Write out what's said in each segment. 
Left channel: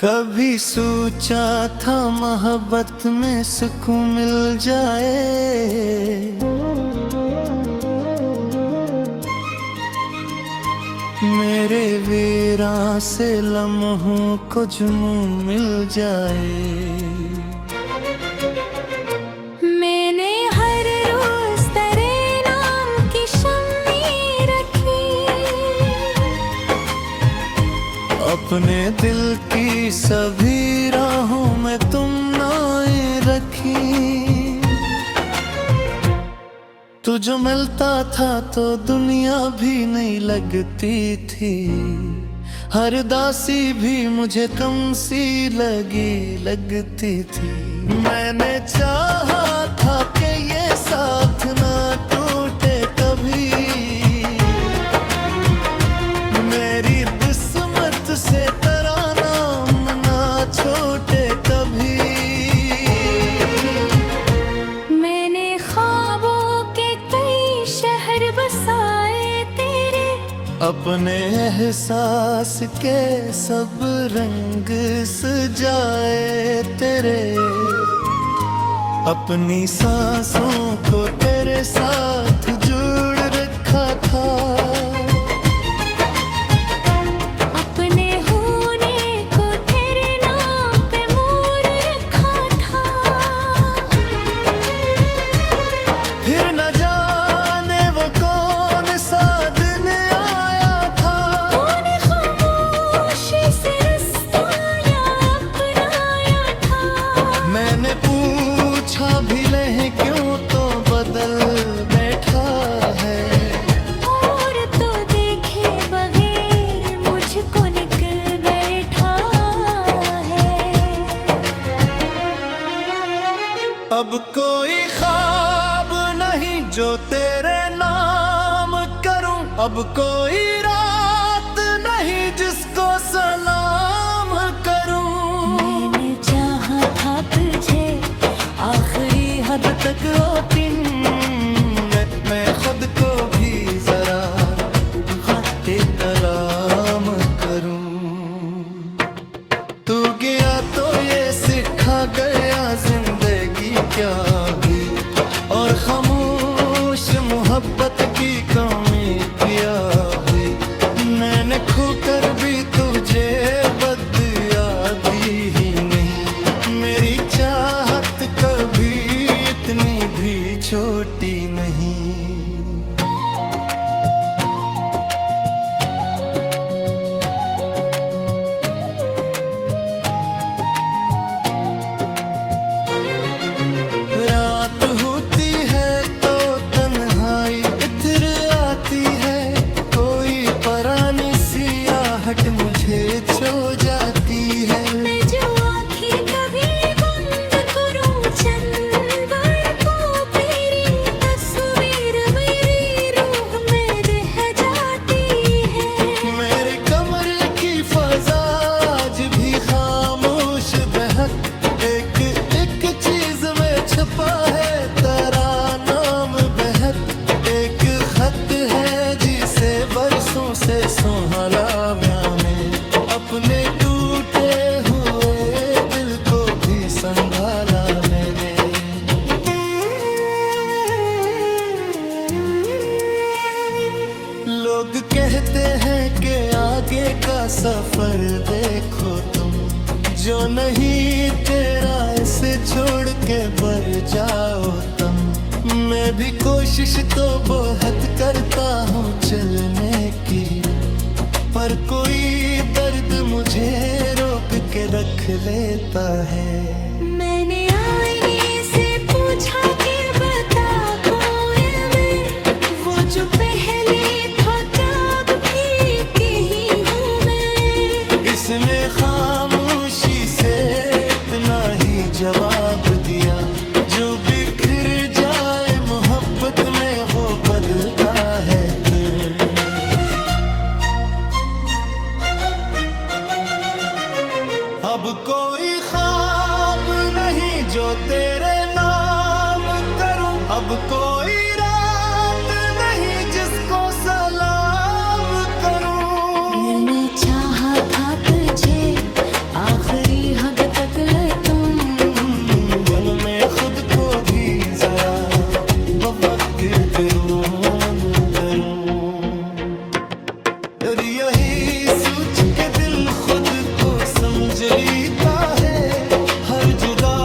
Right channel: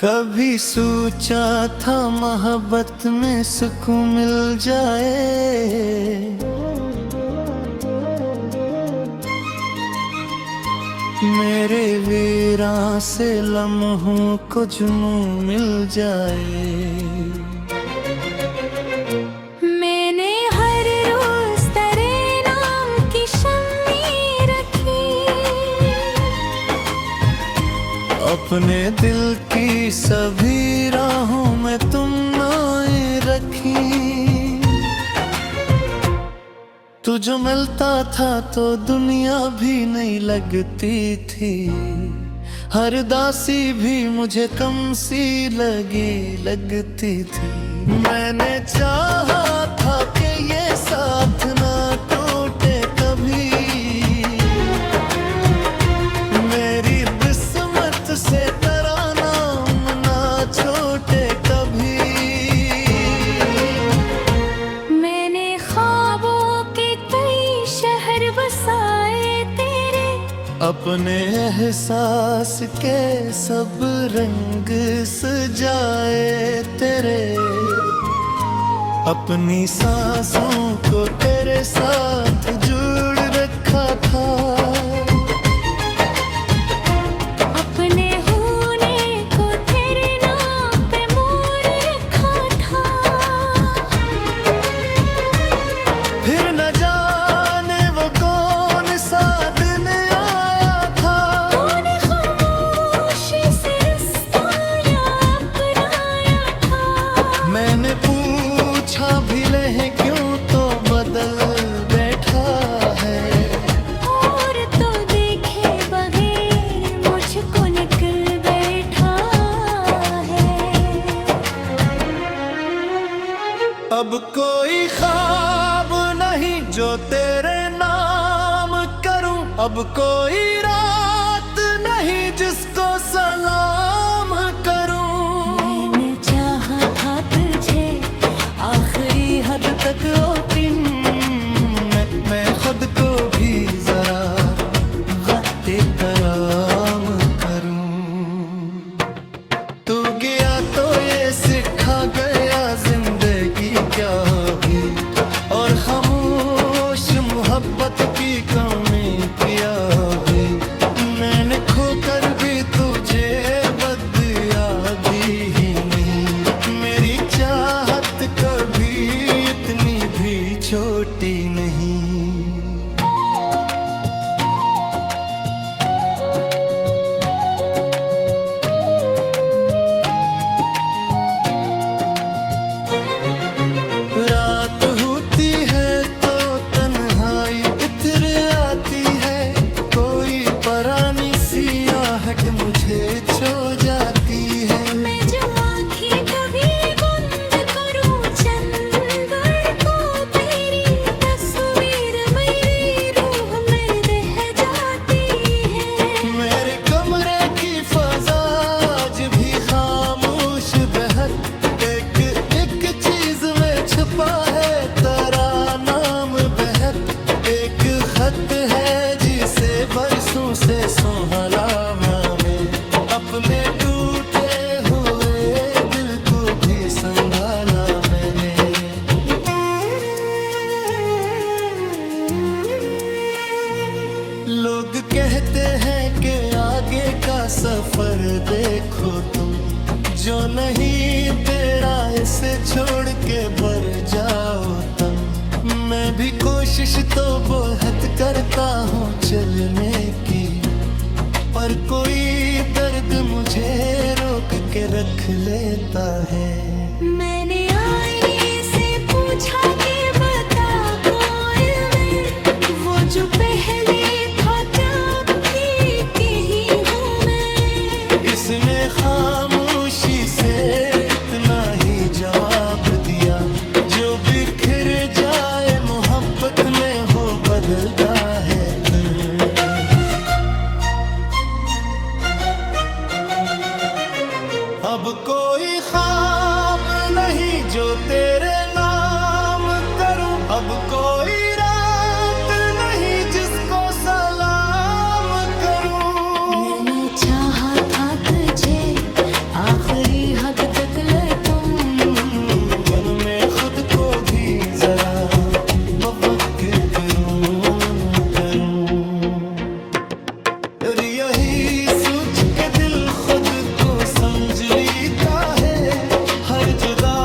कभी सोचा था मोहब्बत में सुकून मिल जाए, मेरे वीरां से लम्हों को जुनून मिल जाए। मैंने हर रोज तेरे नाम की शम्मी रखी, अपने दिल की सभी राहों में तुम नाएं रखी। तू जो मिलता था तो दुनिया भी नहीं लगती थी, हर दासी भी मुझे कम सी लगती थी। मैंने चाहा था कि ये साथ ना टूटे कभी, मेरी किस्मत से तेरा नाम ना छोटे कभी। मैंने ख्वाबों के कई शहर बसाए तेरे, अपने एहसास के सब रंग सजाए तेरे, अपनी सांसों को तेरे साथ जोड़ रखा था। अपने होने को तेरे नाम पे मोड़ रखा था। फिर न जाने वो कौन सा दिन आया था, तूने खामोशी से रिश्ता या अपनाया था। मैंने पूछा भी ले क्यों तो बदल बैठा है, और तो देखे बगैर मुझको निकल बैठा है। अब कोई ख्वाब नहीं जो तेरे नाम करूं, अब कोई रात नहीं जिसको सलाम करूं। मैंने चाहा था तुझे आखिरी हद तक ओपिन, मैं खुद को भी जरा वक्त तलाम करूं। तू गया तो ये सिखा गया जिंदगी क्या हुई, और खामोश मोहब्बत की कमी क्या हुई। मैंने खोकर भी तुझे बदयादी ही नहीं, मेरी चाहत कभी इतनी भी छोटी नहीं। रात होती है तो तन्हाई इत्र आती है, कोई परानी सी आहट मुझे छो जाती है। मैं जो आँखें कभी बंद करूं चंदर को, तेरी तस्वीर मेरी रूह में रह जाती है। मेरे कमरे की फजा आज भी खामोश बहक, एक एक चीज में छुपा है तेरा नाम बहक। एक खत है जिसे बरसों से संभाला मैं, अपने टूटे हुए दिल को भी संभाला मैंने। लोग कहते हैं कि आगे का सफर देखो तुम, जो नहीं तेरा इसे छोड़ के बर जाओ तुम। मैं भी कोशिश तो बहुत करता हूँ चलने की, पर कोई दर्द मुझे रोक के रख लेता है। मैंने आईने से पूछा कि बता कोई मैं, वो जो पहले था त्याग भी की ही हूँ मैं। इसने खामोशी से इतना ही जवाब दिया, जो बिखर जाए मोहब्बत में हो बदलता है फिर। अब कोई ख्वाब नहीं जो तेरे नाम करूं, अब कोई रात नहीं जिसको सलाम करूं। मैंने चाहा था तुझे आखिरी हद तक ले तुम, मन में खुद को भी जरा बफक्र करूं। और यही सोच के दिल खुद को समझ लेता है, हर जुदा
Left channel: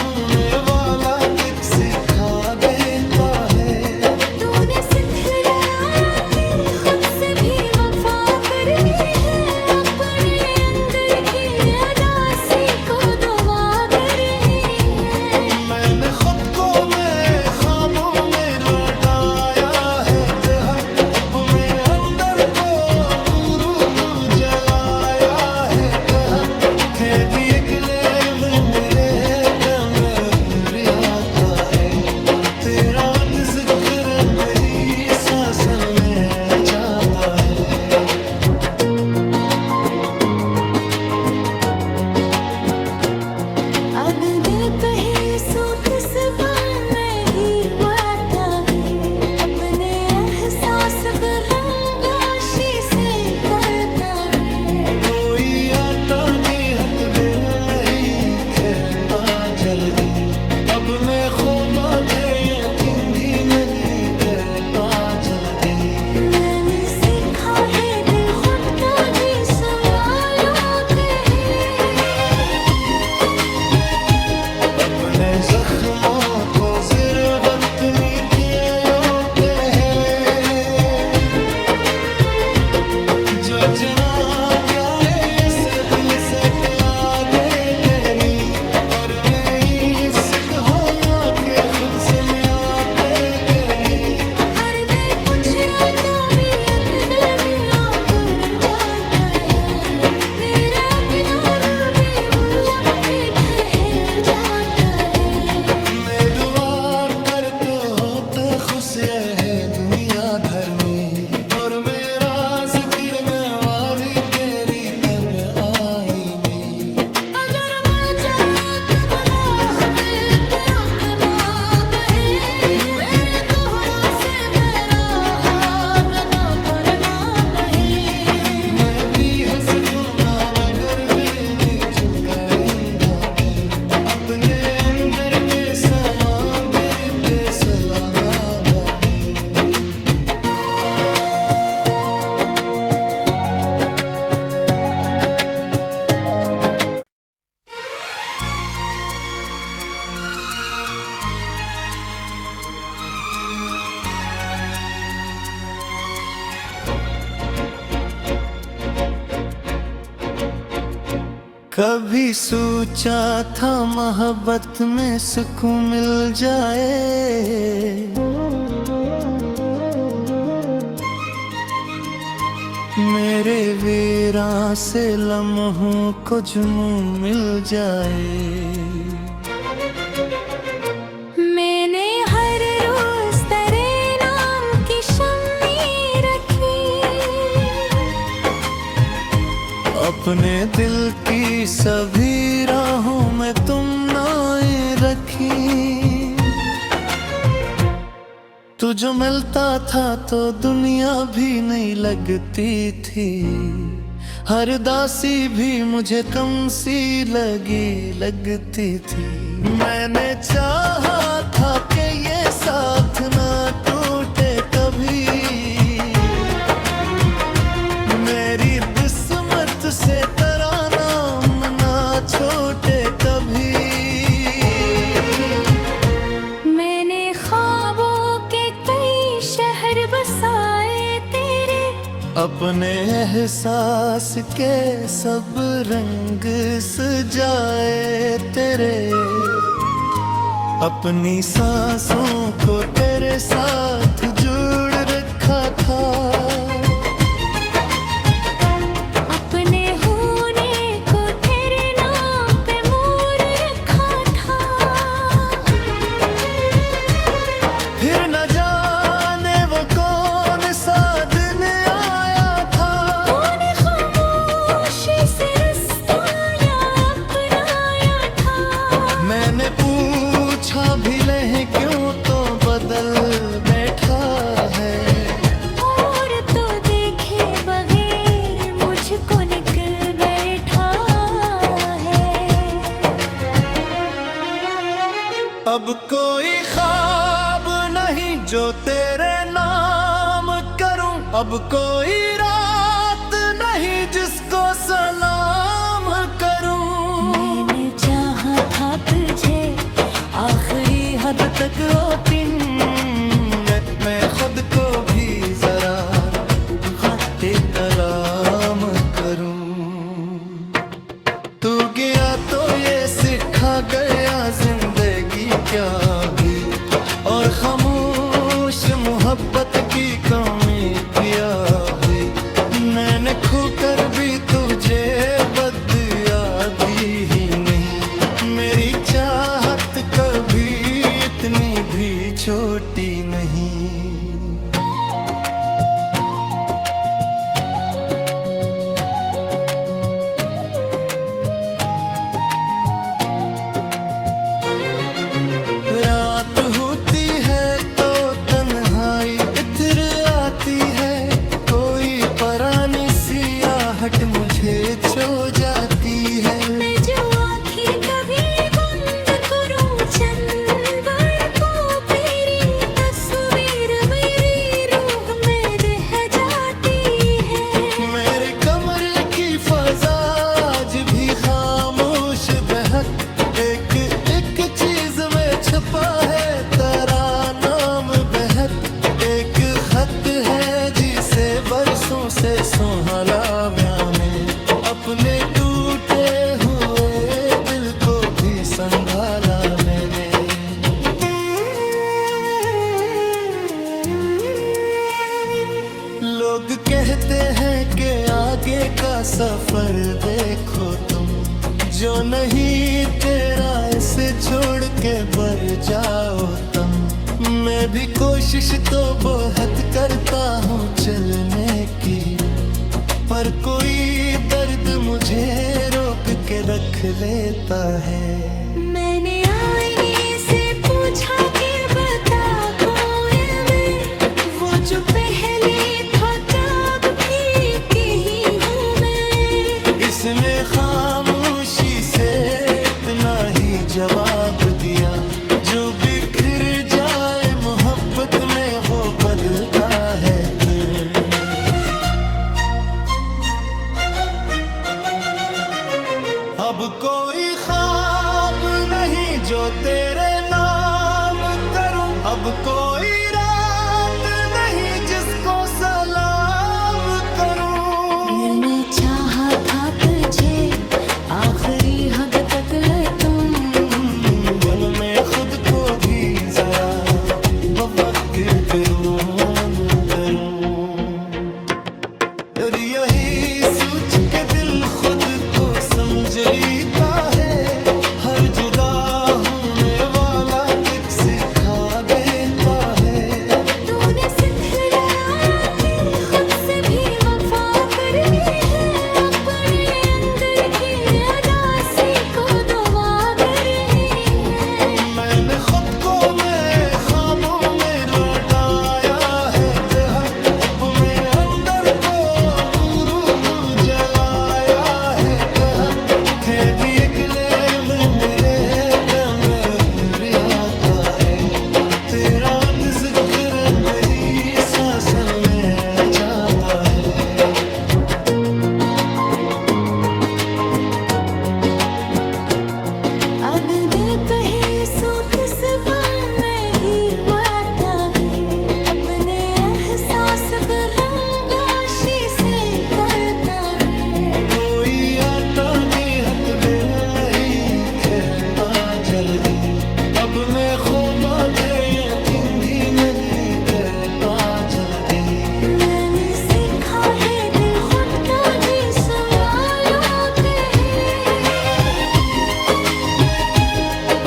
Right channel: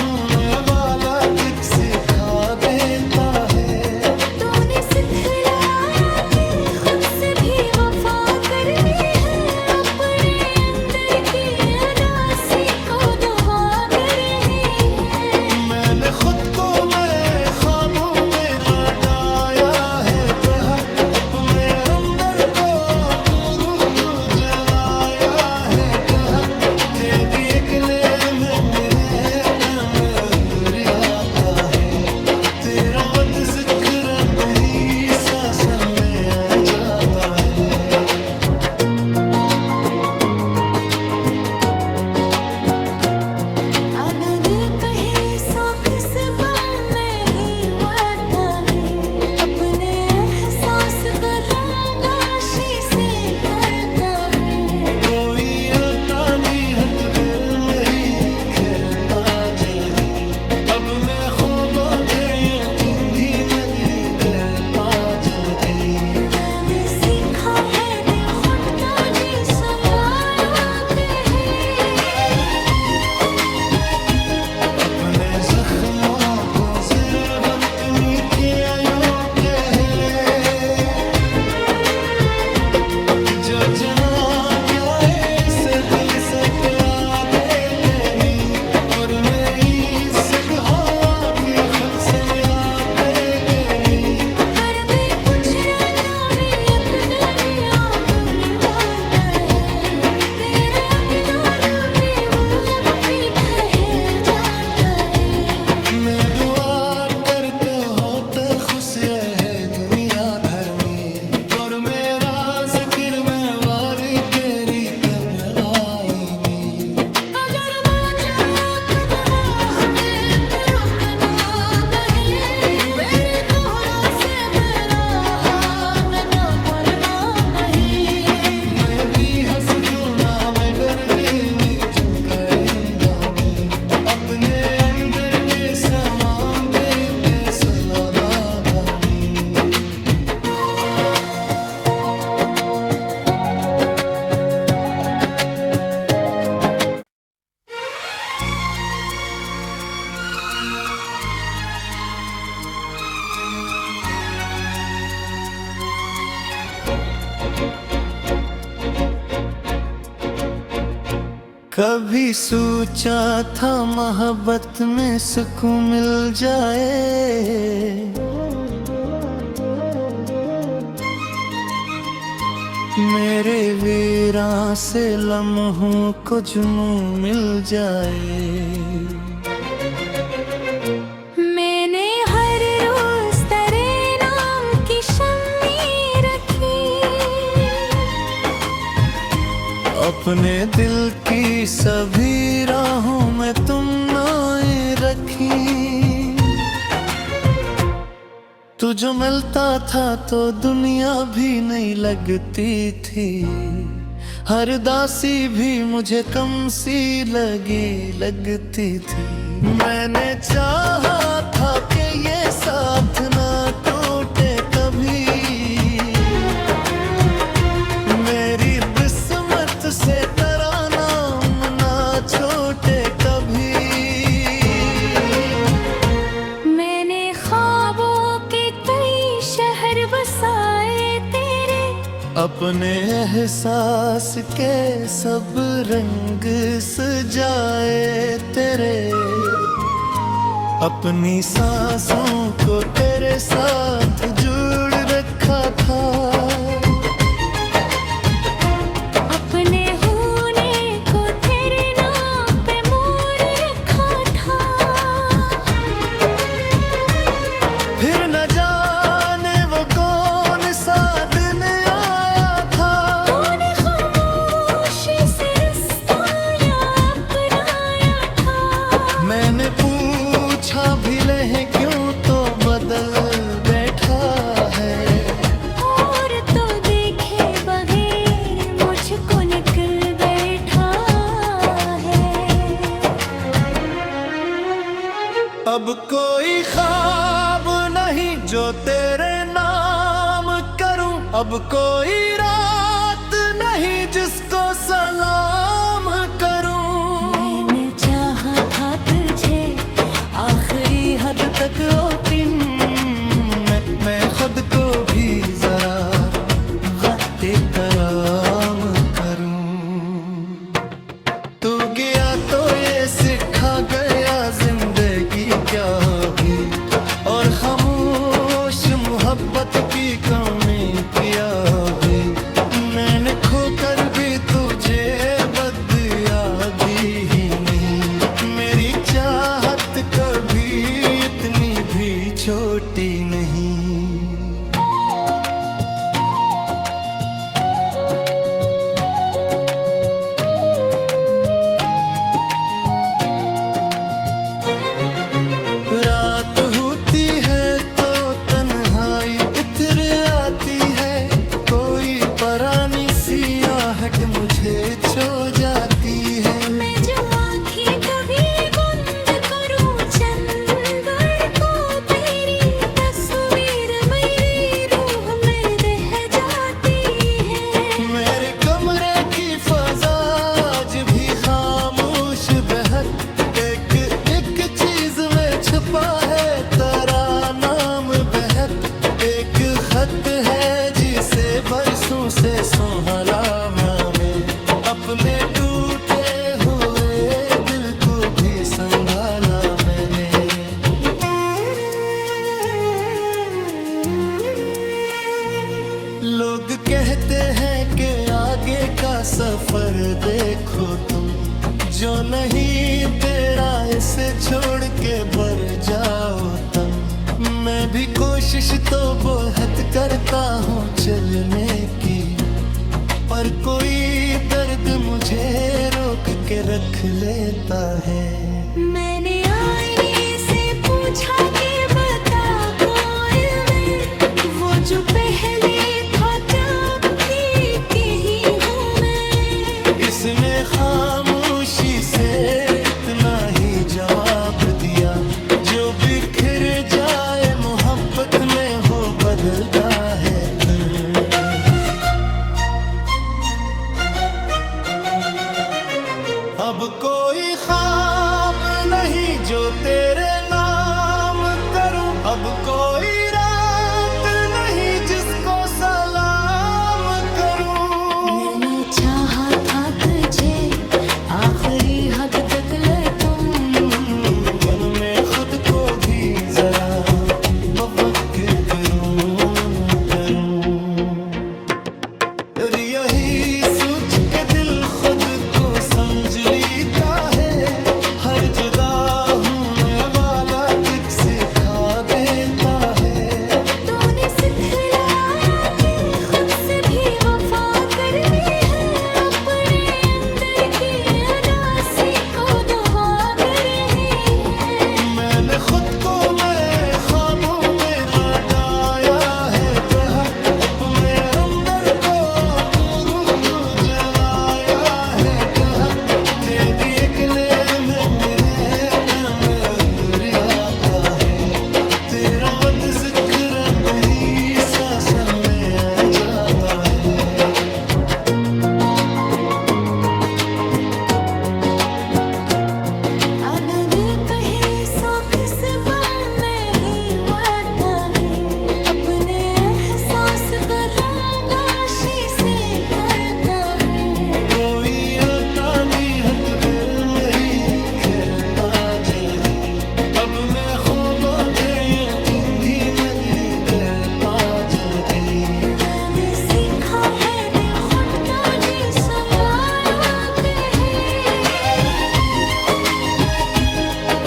होने वाला कुछ सिखा देता है। तूने सिखलाया कि खुद से भी वफा करनी है, अपने अंदर की अदासी को दुआ करनी है। मैंने खुद को मैं ख्वाबों में लगाया है बेहक, अब मैं अंदर को गुरु तू जलाया है बेहक। थे दिए किले में मेरे कमर आता है, तेरा वद जिक्र मेरी सांसन में जाता है। अगले पहे सो किस पल में ही आता है, अपने एहसास बरंगाशी से करता है। कोई आता भी हत दिल नहीं खेता जल्दी, अब मैं ख्वाबा थे यकीन भी नहीं करता जल्दी। मैंने सीखा है दिल खुद का जी संभालते हैं, अपने जख्मों को जरा वक्त नीचे आयो पहले, जो जना क्या ऐसे दिल से क्या देते नी, और मैं इसक हो के खुद से मैं आते के नी। पर मैं कुछ राता भी दिया दूर जाता है, तेरा किनारा में वो लब भी ठहर जाता है। मैं दुआर करते होते खुश है दुनिया भर में, और मेरा जिक्र में वारी तेरी तब आई में। अगर मैं चाहूं तो गवाह में तेरा कना कहीं, मेरे कोहरों से मेरा हाथ का करना कहीं। मैं भी हंस क्यों ना मगर भी झुकाऊंगा मैं, अपने अंदर के समान तेरी फैसला गाना मैं। कभी सोचा था मोहब्बत में सुकून मिल जाए, मेरे वीरां से लम्हों को जुनून मिल जाए। मैंने हर रोज तेरे नाम की शम्मी रखी, अपने दिल की सभी राहों में तुम नाएं रखी। तू जो मिलता था तो दुनिया भी नहीं लगती थी, हर दासी भी मुझे कम सी लगती थी। मैंने चाहा था कि ये साथ ना टूटे कभी, मेरी किस्मत से तेरा नाम ना छोटे कभी। मैंने ख्वाबों के कई शहर बसाए तेरे, अपने एहसास के सब रंग सजाए तेरे, अपनी सांसों को तेरे साथ जोड़ रखा था। अपने होने को तेरे नाम पे मोड़ रखा था। फिर न जाने वो कौन सा दिन आया था, तूने खामोशी से रिश्ता या अपनाया था। मैंने पूछा भी ले क्यों तो बदल बैठा है, और तो देखे बगैर मुझको निकल बैठा अब कोई ख्वाब नहीं जो तेरे नाम करूं, अब कोई रात नहीं जिसको सलाम करूं। मैंने चाहा था तुझे आखिरी हद तक ओ दिन, मैं खुद को भी जरा गते कलाम करूं। तू गया तो ये सिखा गया जिंदगी क्या हुई, और खामोश मोहब्बत की कमी क्या हुई। मैंने खोकर भी तुझे बदयादी ही नहीं, मेरी चाहत कभी इतनी भी छोटी नहीं। रात होती है तो तन्हाई इत्र आती है, कोई परानी सी आहट मुझे छो जाती है। मैं जो आँखें कभी बंद करूं चंदर को, तेरी तस्वीर मेरी रूह में रह जाती है। मेरे कमरे की फजा आज भी खामोश बहक, एक एक चीज में छुपा है तेरा नाम बहक। एक खत है जिसे बरसों से संभाला मैं, अपने टूटे हुए दिल को भी संभाला मैंने। लोग कहते हैं कि आगे का सफर देखो तुम, जो नहीं तेरा इसे छोड़ के बर जाओ तुम। मैं भी कोशिश तो बहुत करता हूँ चलने की, पर कोई दर्द मुझे रोक के रख लेता है। मैंने आईने से पूछा कि बता कौन मैं, वो जो पहले था तब भी कहीं हूँ मैं। इसने खामोशी से इतना ही जवाब दिया, जो बिखर जाए मोहब्बत में हो बदलता है फिर। अब कोई ख्वाब नहीं जो तेरे नाम करूं, अब कोई रात नहीं जिसको सलाम करूं। मैंने चाहा था तुझे आखिरी हद तक ले तुम, मन में खुद को भी जरा बफक्र करूं। और यही सोच के दिल खुद को समझ लेता है, हर जुदा होने वाला कुछ सिखा देता है। तूने सिखलाया कि खुद से भी वफा करनी है, अपने अंदर की अदासी को दुआ करनी है। मैंने खुद को मैं ख्वाबों में लगाया है बेहक, अब मैं अंदर को गुरु तू जलाया है कहक। तेरी एक नेम मेरे कमर आता है, तेरा वद जिक्र मेरी सांसन में जाता है। अगले पहे सो किस पल में ही आता है, अपने एहसास पर रंगाशी से पड़ता है। कोई आता भी हत दिल नहीं कहता जल्दी, अब मैं ख्वाबा थे यकीन भी नहीं करता जल्दी। मैंने सीखा है दिल खुद तो जी संभालो पहले,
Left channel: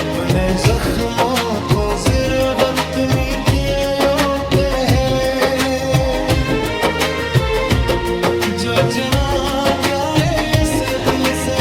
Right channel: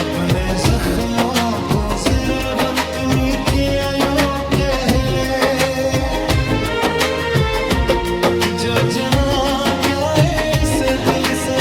अपने जख्मों को जरा वक्त में किया यो पहले। जो जना क्या है इस दिल से